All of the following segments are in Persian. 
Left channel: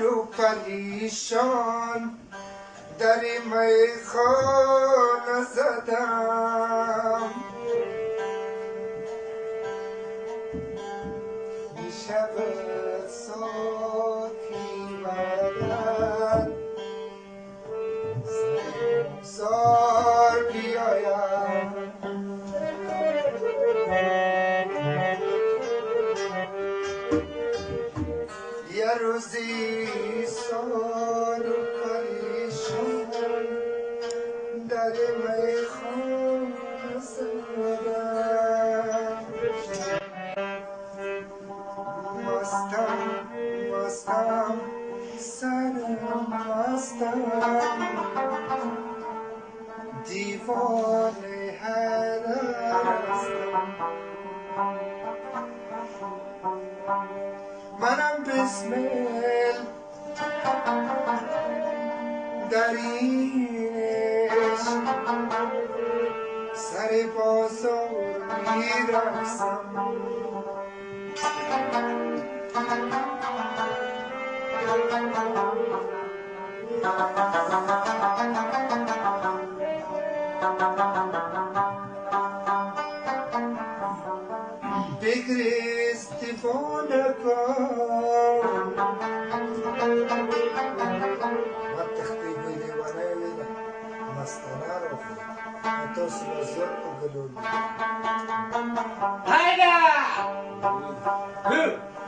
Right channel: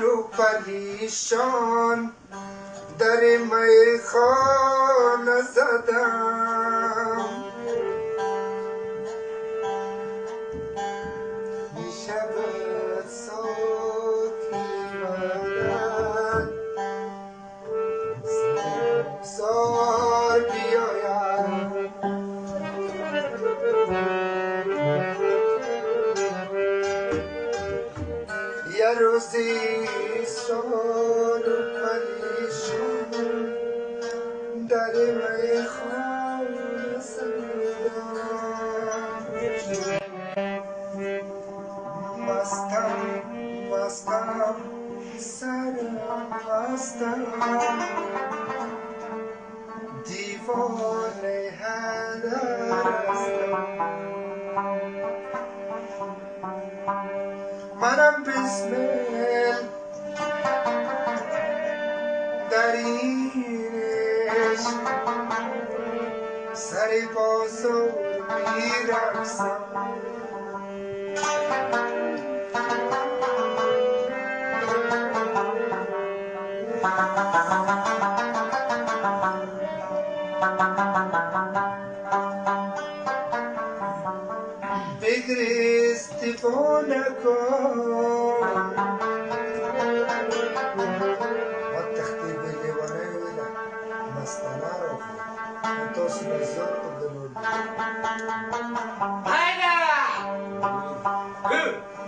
رو پریشان در میخانه زدم، میشود ساکی بدن زار بیایم. یه روزی سال پریشان در میخانه زدم، مستم سرم مستم، دیوانه هدر هستم. منم بسمل در این عشق سر بازار میرقصم. بگریست دیوانه کن ما تختی به دیوانه ویده مستانه را خود تو سلازت اگلول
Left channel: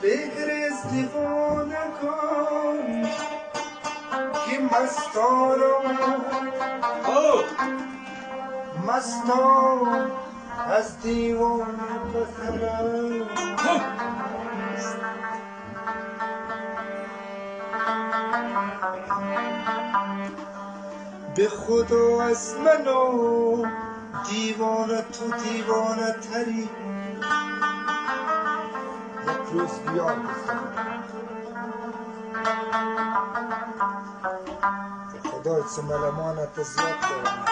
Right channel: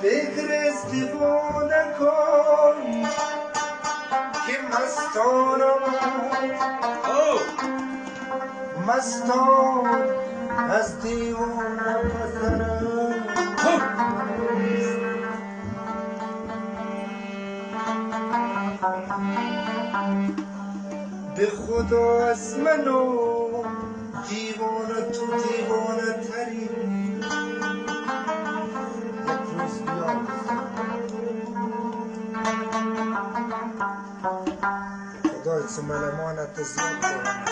بگریست دیوانه کن که مستان مستان از دیوانه پسرم. به خدا از منو دیوانه تو دیوانه تری یک روز بیار خدا از ملمانت زیاد دارم.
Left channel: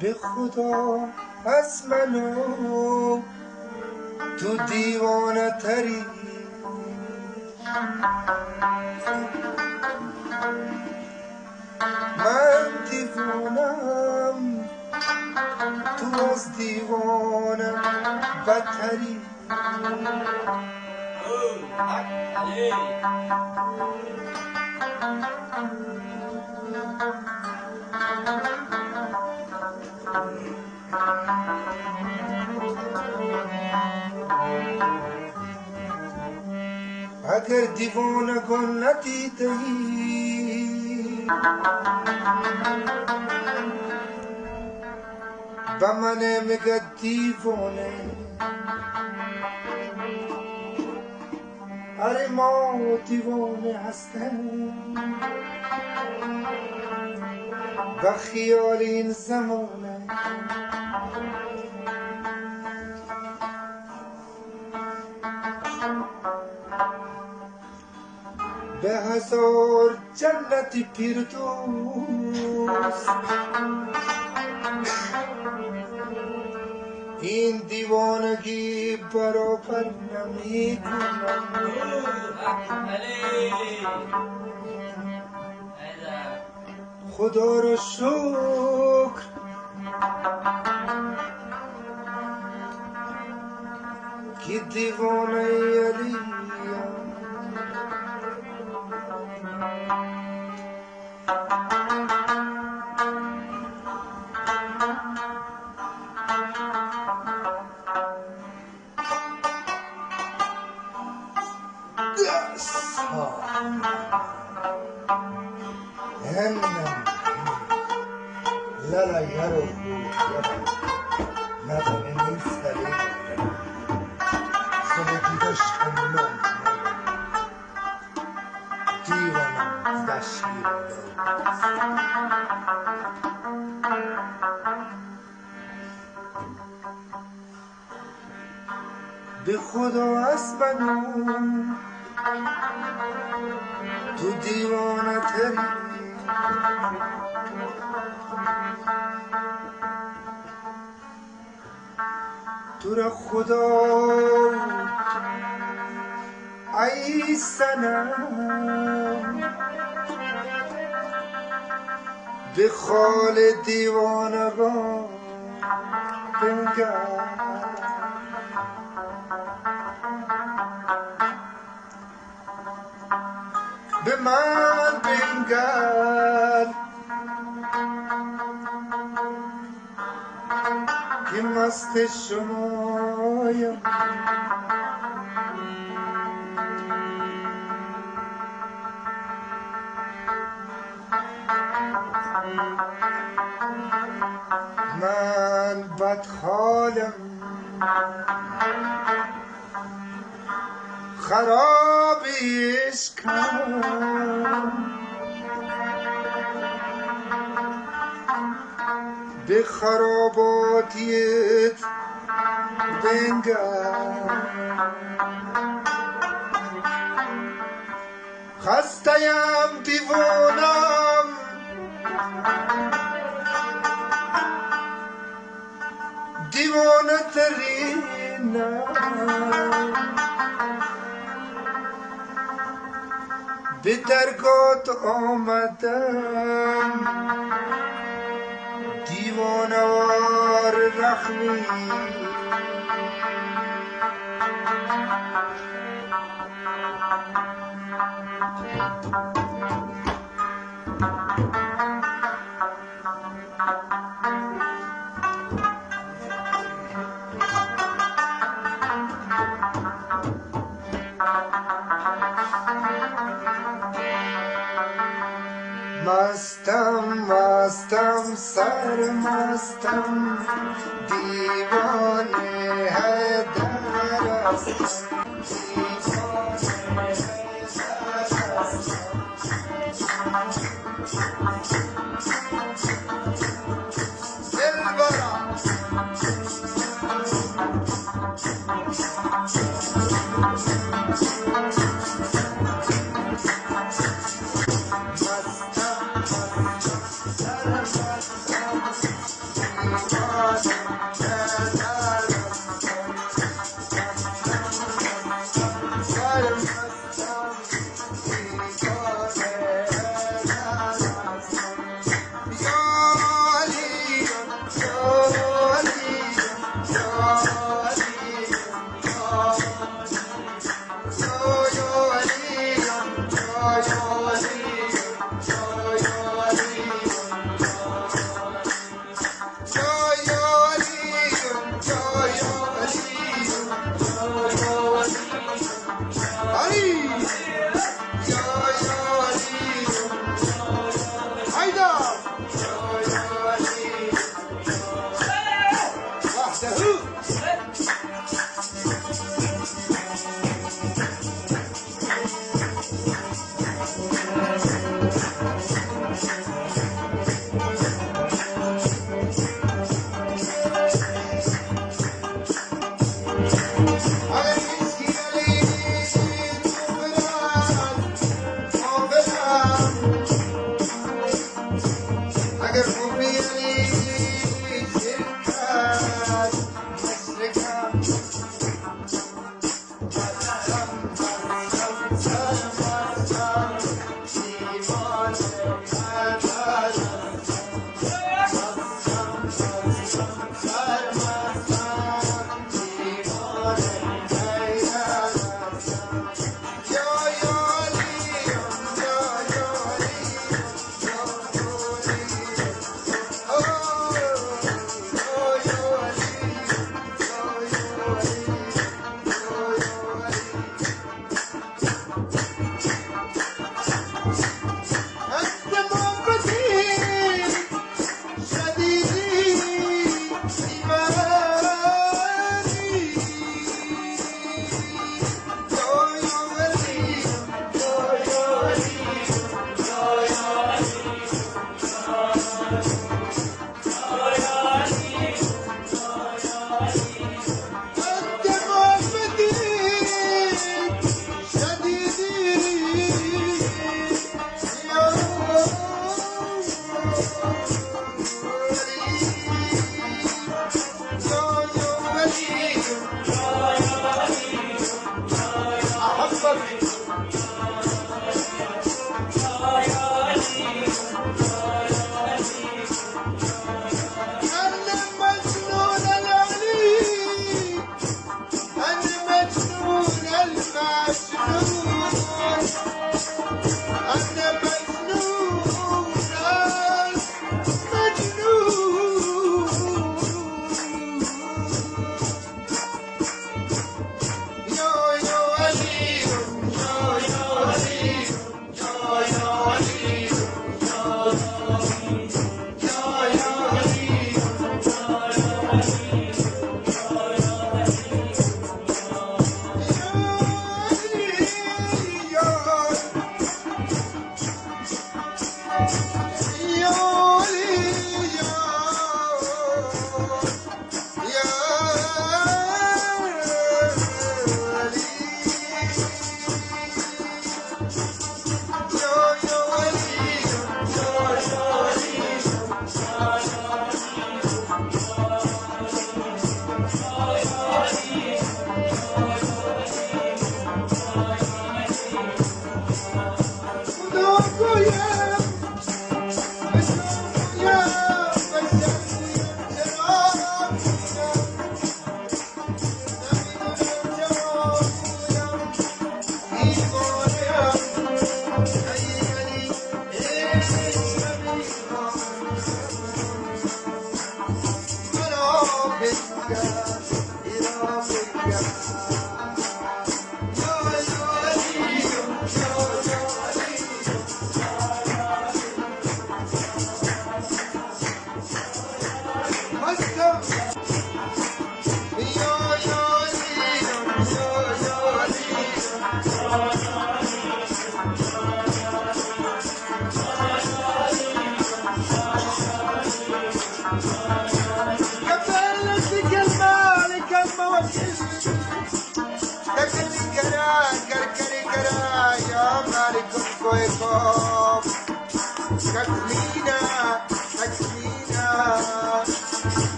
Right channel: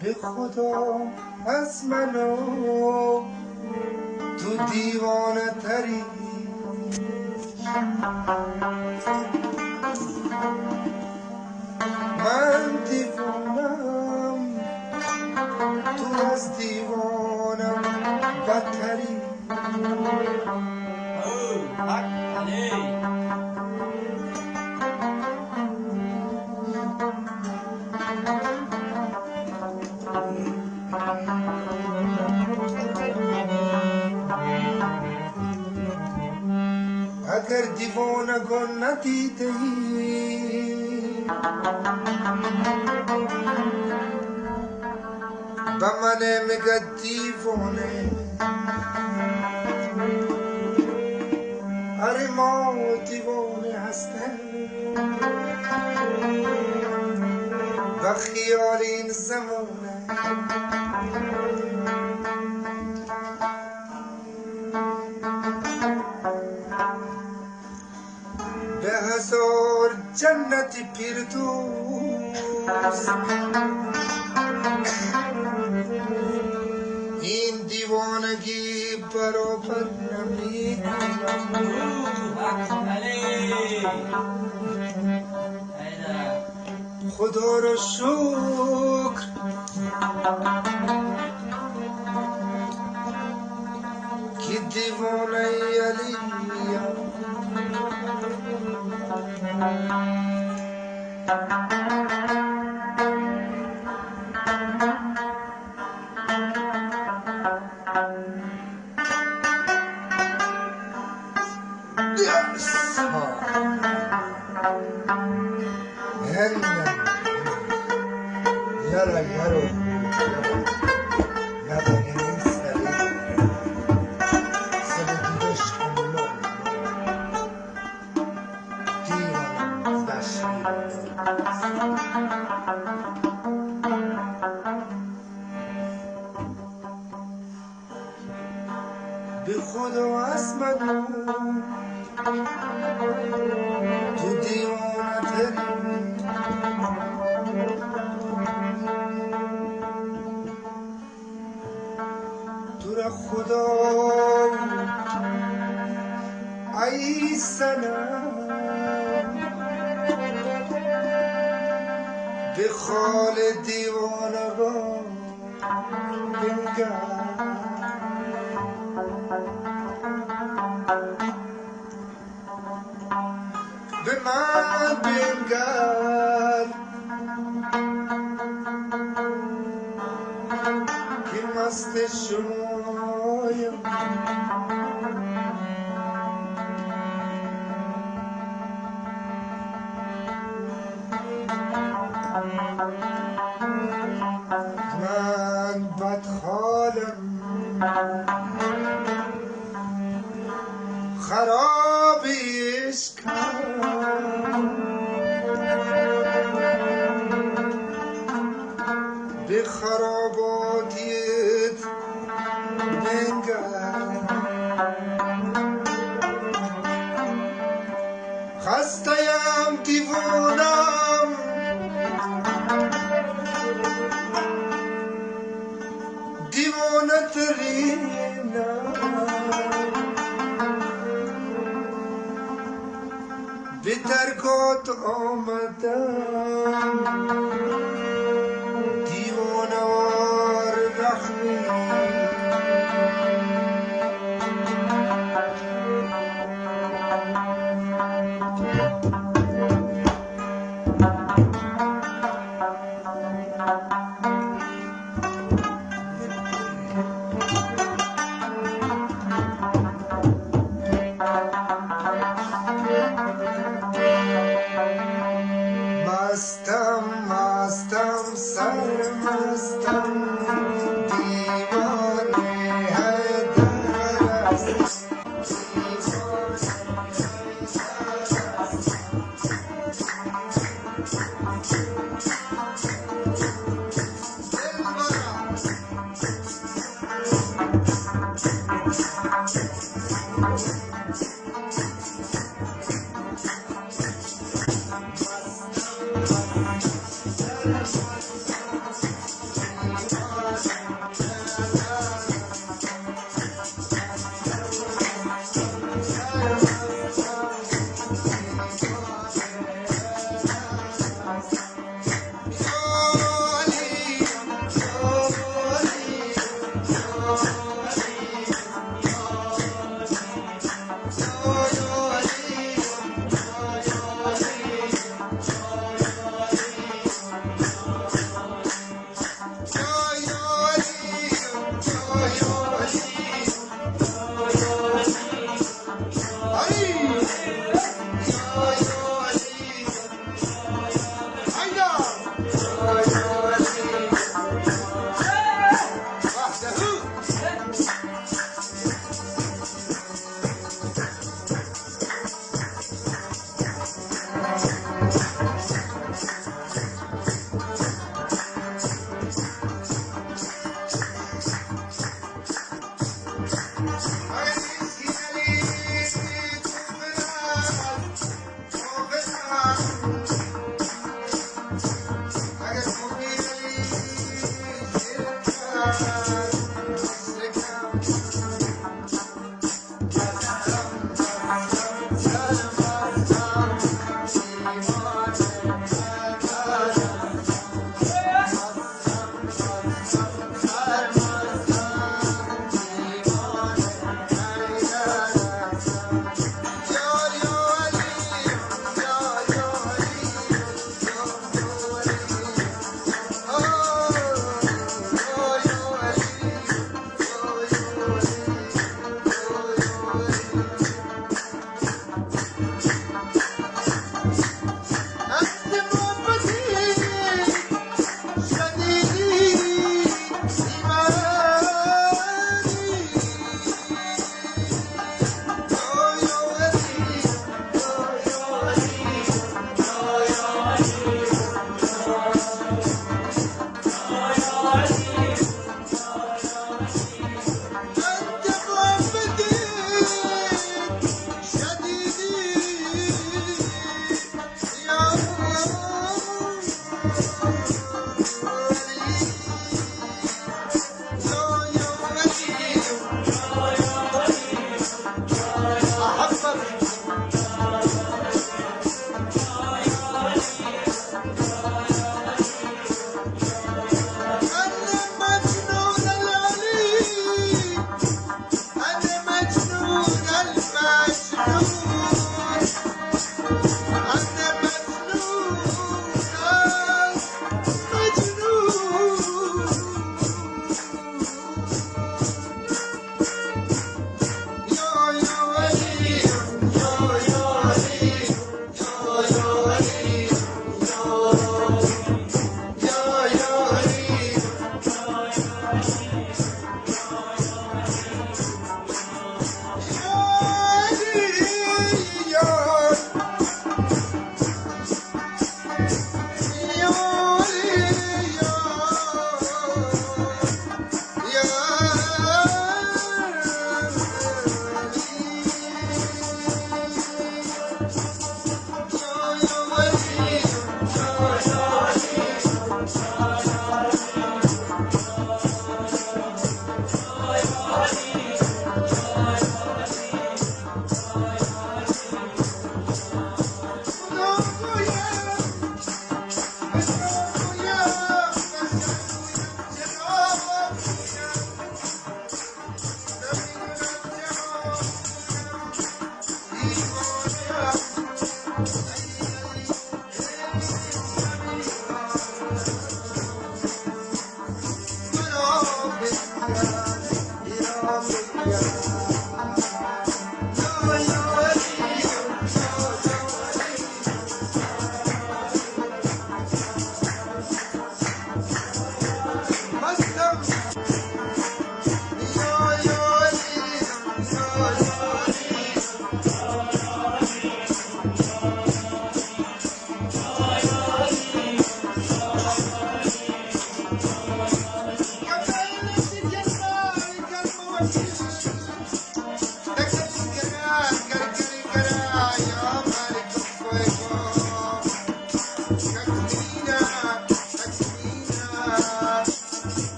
به خدا از منو تو دیوانه تری من دیوانم تو از دیوانم بدتری. اگر دیوانگان ندیده ای به من میگه دیوانه، اره ما دیوانه هستن و خیال این زمانه. به هزار جنتی پیردوست این دیوانگی برابر نمی کنم. خدا رو شکر که دیوانه علیم. Yara yaro yabaninin sari sevgidaş kanımın divanım daşmıyor. به خدا از منو تو دیوانه تری تو را خدا ای سنم به خال دیوانگان بنگر به من بنگر که مست شمایم من بدحالم خراب عشقم به خراباتیت بنگر خسته‌ام دیوانم دیوانه ترینم به درگات آمدم دیوانوار رحمی مستم مستم سرمستم دیوانه حیدر است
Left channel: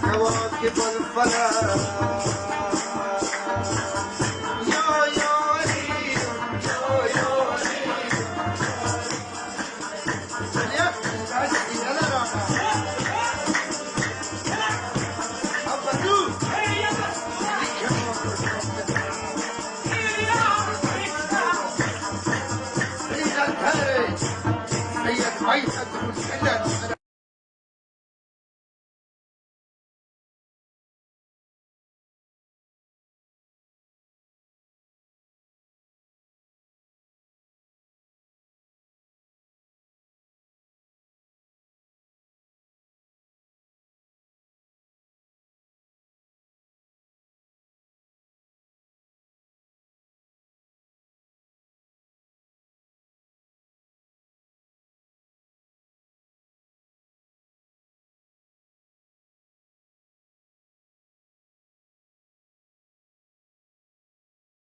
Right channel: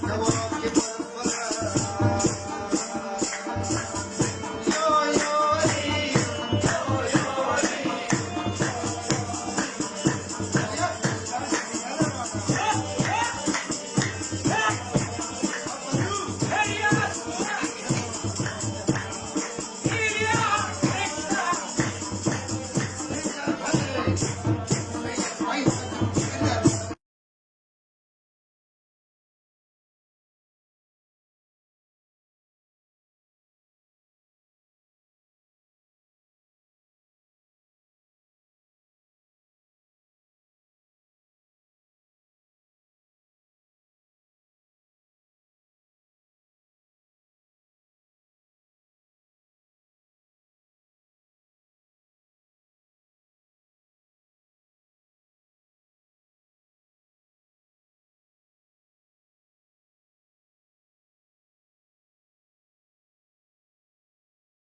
كواكب الفلك